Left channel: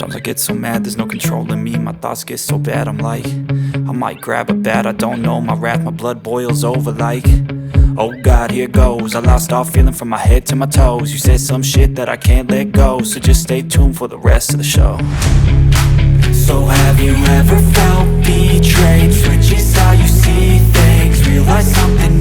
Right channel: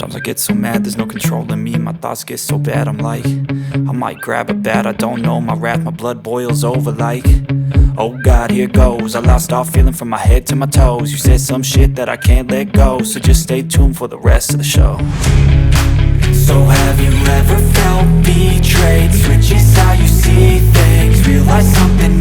Sometimes I get so mad, there's no controlling me. My thoughts get so bad, I'm like, I might grab a bat, I don't know. My wrath, my blood boils over like, oh God, here goes. I lost all feeling from my head to my toes. You said some shit that I can't let go, so just stay tuned for the rest of the show. So have you ever felt betrayed? Switches how you see things, realize something